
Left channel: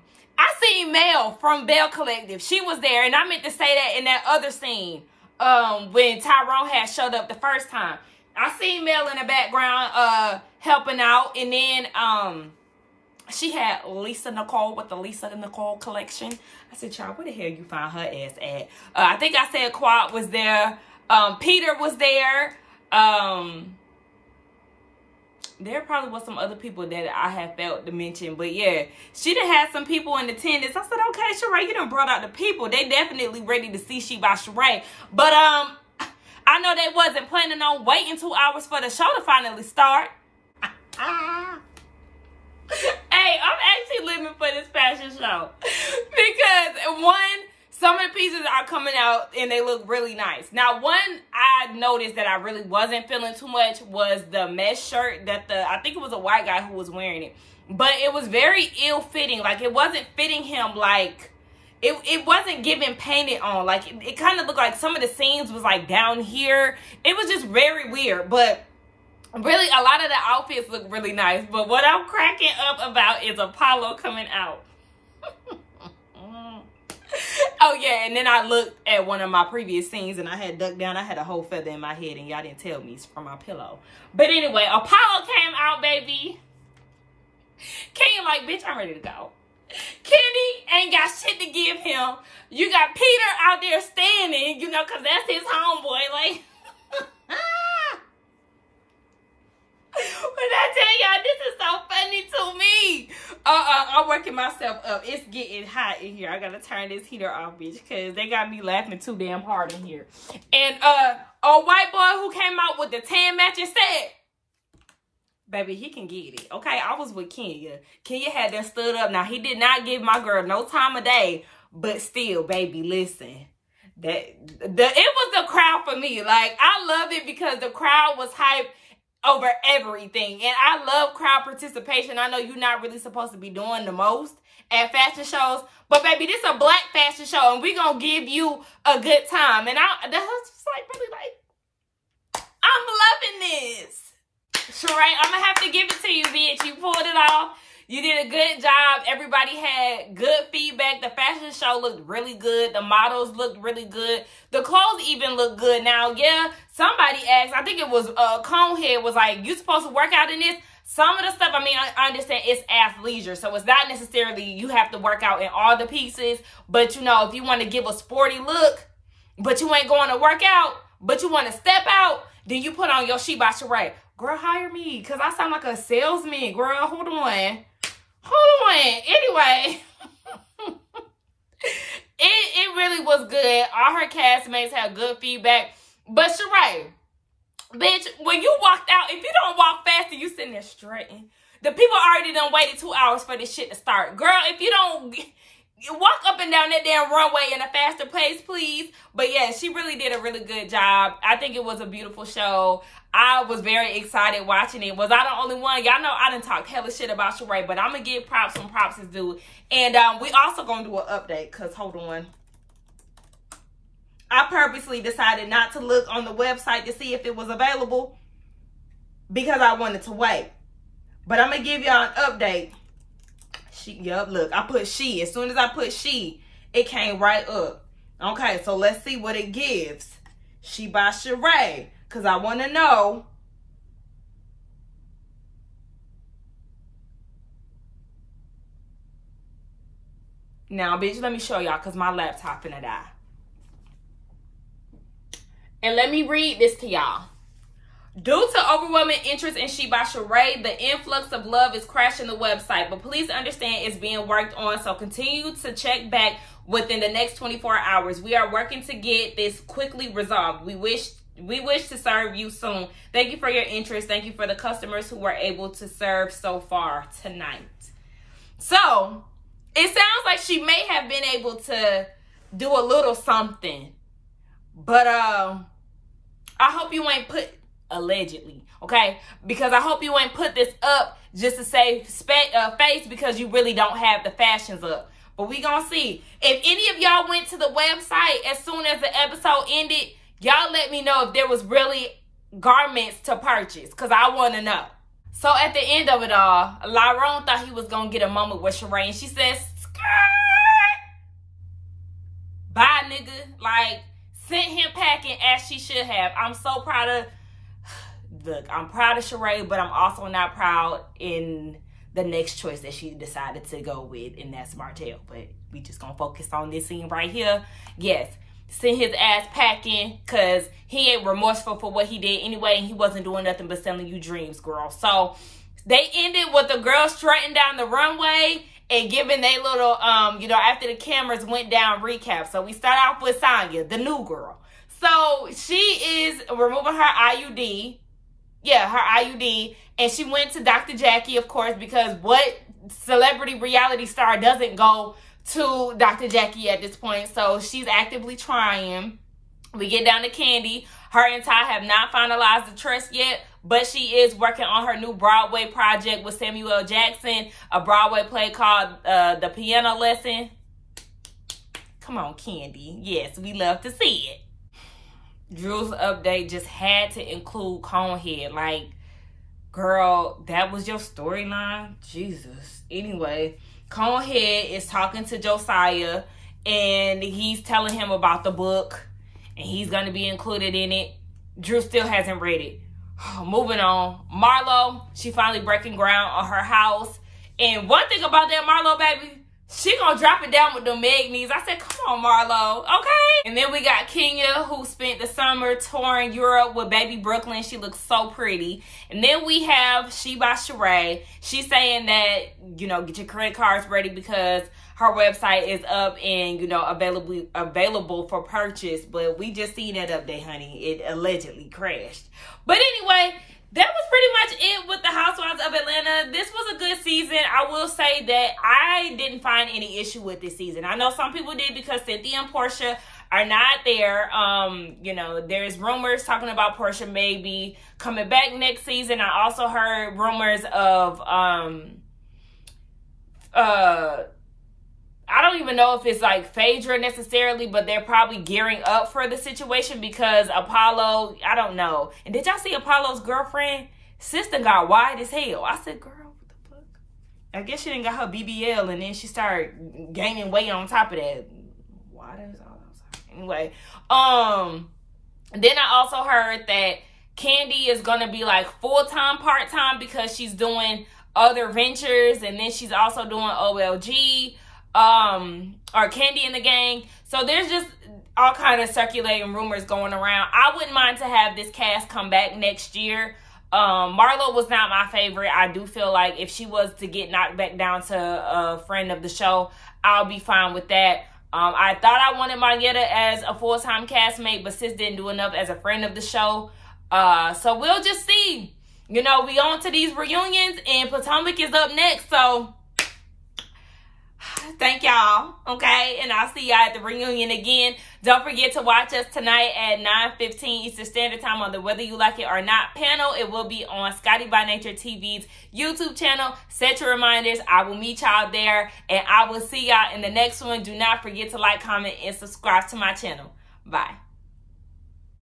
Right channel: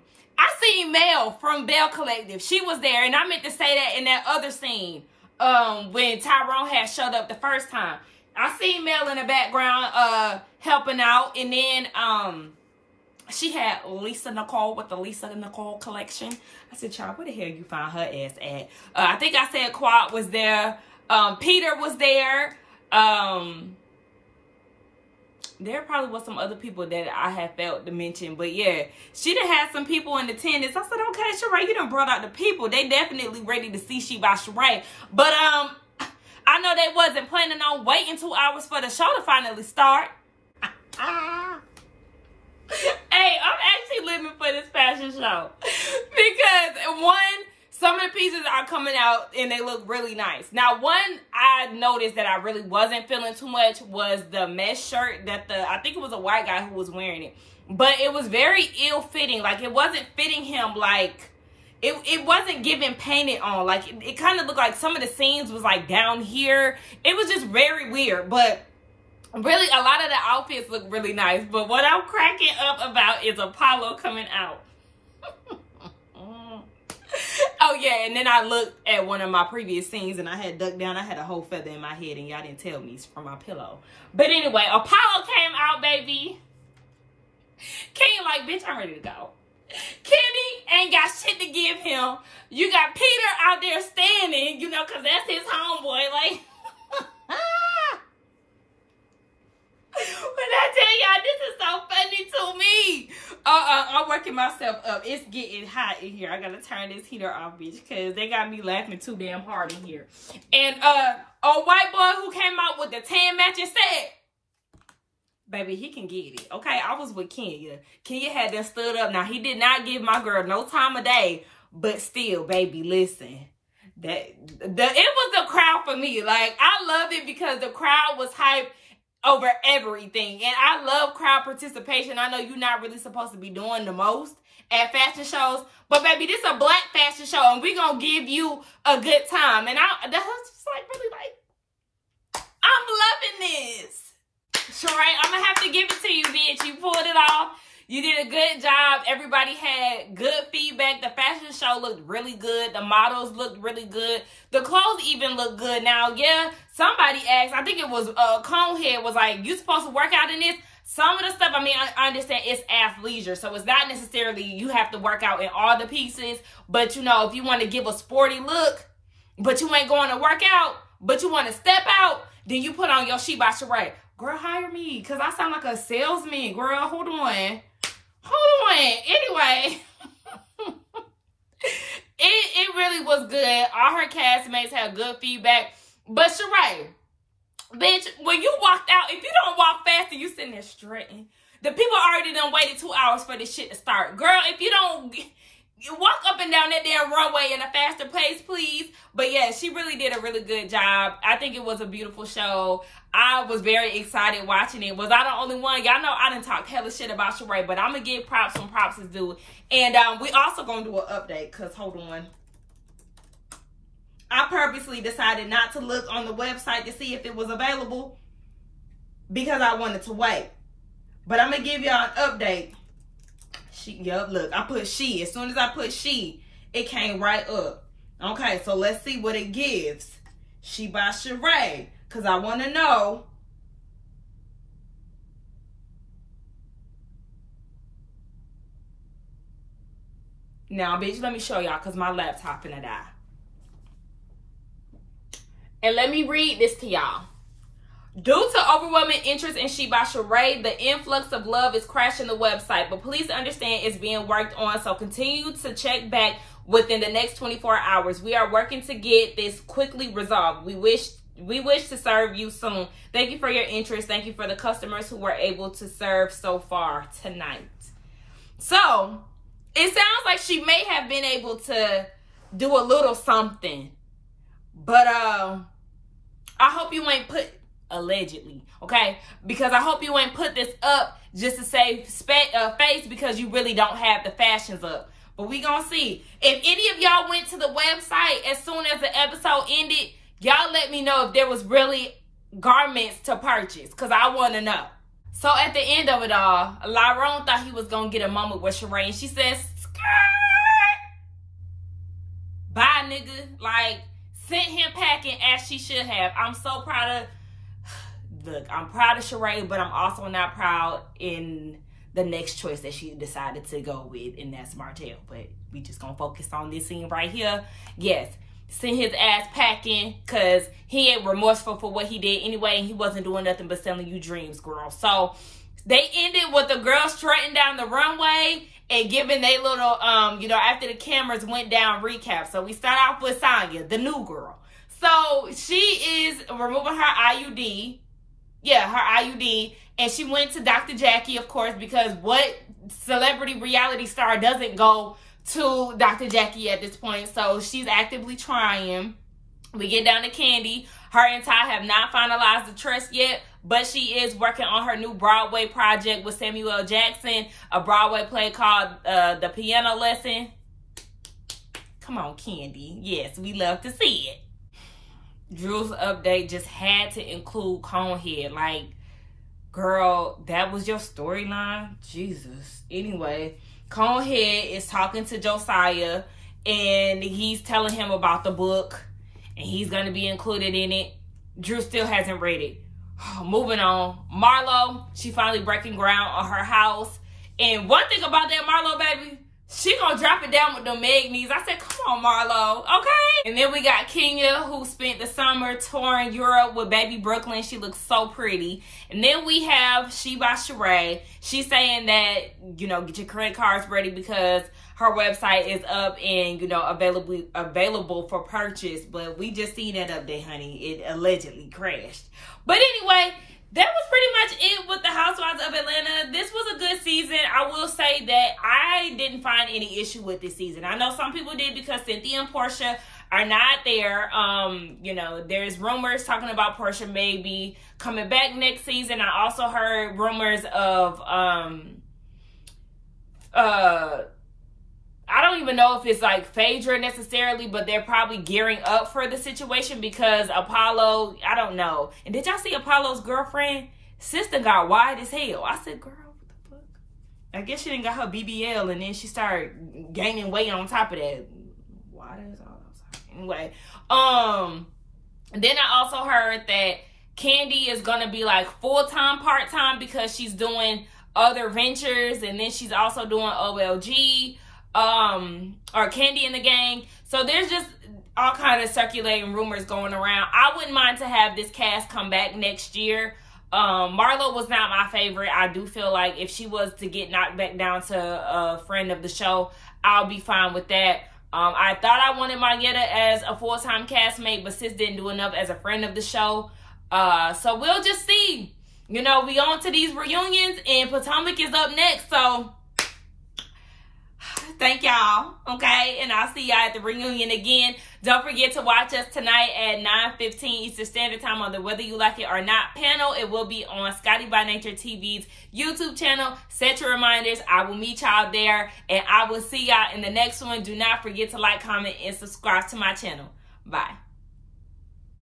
seen Mel from Bell Collective. She was there, and I meant to say that in that other scene. When Tyrone had showed up the first time. I seen Mel in the background helping out. And then she had Lisa Nicole with the Lisa Nicole collection. I said, child, where the hell you find her ass at? I think I said Quad was there. Peter was there. There probably was some other people that I had felt to mention. But yeah, she done had some people in attendance. I said, okay, Sheree, you done brought out the people. They definitely ready to see She by Sheree. But I know they wasn't planning on waiting 2 hours for the show to finally start. Hey, I'm actually living for this fashion show. Because one, some of the pieces are coming out and they look really nice. Now, one I noticed that I really wasn't feeling too much was the mesh shirt that I think it was a white guy who was wearing it. but it was very ill-fitting. Like, it wasn't fitting him. Like, it wasn't giving painted on. Like, it kind of looked like some of the seams was like down here. It was just very weird. But really, a lot of the outfits look really nice. But what I'm cracking up about is Apollo coming out. Oh, yeah, and then I looked at one of my previous scenes, and I had ducked down. I had a whole feather in my head, and y'all didn't tell me it's from my pillow. But anyway, Apollo came out, baby. Kenya like, bitch, I'm ready to go. Kenny ain't got shit to give him. You got Peter out there standing, you know, because that's his homeboy. Like, when I tell y'all, this is so funny to me. I'm working myself up. It's getting hot in here. I gotta turn this heater off, bitch, because they got me laughing too damn hard in here. And a white boy who came out with the tan matching set, baby, he can get it. Okay, I was with Kenya. Kenya had them stood up. Now, he did not give my girl no time of day, but still, baby, listen. It was the crowd for me. Like, I love it because the crowd was hyped over everything. And I love crowd participation. I know you're not really supposed to be doing the most at fashion shows, but baby, this is a black fashion show, and we're gonna give you a good time. And the husband's like, really, like, I'm loving this. Sheree, I'm gonna have to give it to you, bitch. You pulled it off. You did a good job. Everybody had good feedback. The fashion show looked really good. The models looked really good. The clothes even looked good. Now, yeah, somebody asked, I think it was Conehead was like, you supposed to work out in this? Some of the stuff, I mean, I understand it's athleisure, so it's not necessarily you have to work out in all the pieces. But, you know, if you want to give a sporty look, but you ain't going to work out, but you want to step out, then you put on your She by Sheree. Girl, hire me, because I sound like a salesman. Girl, hold on. Hold on. Anyway, it really was good. All her castmates had good feedback. But Sheree, bitch, when you walked out, if you don't walk fast and you sitting there strutting, the people already done waited 2 hours for this shit to start. Girl, if you don't walk up and down that damn runway in a faster pace, please. But yeah, she really did a really good job. I think it was a beautiful show. I was very excited watching it. Was I the only one? Y'all know I done talked hella shit about Sheree, but I'm going to give props when props is due. And we also going to do an update, because hold on. I purposely decided not to look on the website to see if it was available because I wanted to wait. But I'm going to give y'all an update. Yep, look, I put she. As soon as I put she, it came right up. Okay, so let's see what it gives. She by Sheree. Because I want to know. Now, bitch, let me show y'all because my laptop finna die. And let me read this to y'all. Due to overwhelming interest in She by Sheree, the influx of love is crashing the website. But please understand it's being worked on, so continue to check back within the next 24 hours. We are working to get this quickly resolved. We wish to serve you soon. Thank you for your interest. Thank you for the customers who were able to serve so far tonight. So, it sounds like she may have been able to do a little something. But, I hope you ain't put, allegedly, okay? Because I hope you ain't put this up just to save face because you really don't have the fashions up. But we gonna see. If any of y'all went to the website as soon as the episode ended, y'all let me know if there was really garments to purchase, because I want to know. So at the end of it all, Lyrone thought he was going to get a moment with Sheree, and she says, skirt! Bye, nigga. Like, sent him packing as she should have. I'm so proud of, look, I'm proud of Sheree, but I'm also not proud in the next choice that she decided to go with, and that's Martell. But we just going to focus on this scene right here. Yes. Sent his ass packing because he ain't remorseful for what he did anyway, and he wasn't doing nothing but selling you dreams, girl. So they ended with the girls strutting down the runway and giving they little, you know, after the cameras went down recap. So we start off with Sonya, the new girl. So she is removing her IUD. Yeah, her IUD. And she went to Dr. Jackie, of course, because what celebrity reality star doesn't go to Dr. Jackie at this point? So she's actively trying. We get down to Candy. Her and Ty have not finalized the trust yet, but she is working on her new Broadway project with Samuel L. Jackson, a Broadway play called The Piano Lesson. Come on, Kandi. Yes, we love to see it. Drew's update just had to include Conehead. Like, girl, that was your storyline? Jesus. Anyway, Conehead is talking to Josiah, and he's telling him about the book, and he's going to be included in it. Drew still hasn't read it. Moving on. Marlo, she finally breaking ground on her house. And one thing about that Marlo, baby, she gonna drop it down with the Magnies. I said, come on, Marlo, okay? And then we got Kenya, who spent the summer touring Europe with baby Brooklyn. She looks so pretty. And then we have She by Sheree. She's saying that, you know, get your credit cards ready because her website is up and, you know, available for purchase. But we just seen that update, honey. It allegedly crashed. But anyway, that was pretty much it with the Housewives of Atlanta. This was a good season. I will say that I didn't find any issue with this season. I know some people did because Cynthia and Portia are not there. You know, there's rumors talking about Portia maybe coming back next season. I also heard rumors of I don't even know if it's like Phaedra necessarily, but they're probably gearing up for the situation because Apollo, I don't know. And did y'all see Apollo's girlfriend? Sister got wide as hell. I said, girl, what the fuck? I guess she didn't got her BBL and then she started gaining weight on top of that. Why is all outside? Anyway, then I also heard that Kandi is gonna be like full-time, part-time because she's doing other ventures, and then she's also doing OLG. Or Kandi and the Gang. So there's just all kind of circulating rumors going around. I wouldn't mind to have this cast come back next year. Marlo was not my favorite. I do feel like if she was to get knocked back down to a friend of the show, I'll be fine with that. I thought I wanted Margetta as a full-time castmate, but sis didn't do enough as a friend of the show. So we'll just see. You know, we on to these reunions, and Potomac is up next, so thank y'all, okay? And I'll see y'all at the reunion again. Don't forget to watch us tonight at 9:15 Eastern Standard Time on the Whether You Like It or Not panel. It will be on Scotty by Nature TV's YouTube channel. Set your reminders. I will meet y'all there, and I will see y'all in the next one. Do not forget to like, comment, and subscribe to my channel. Bye.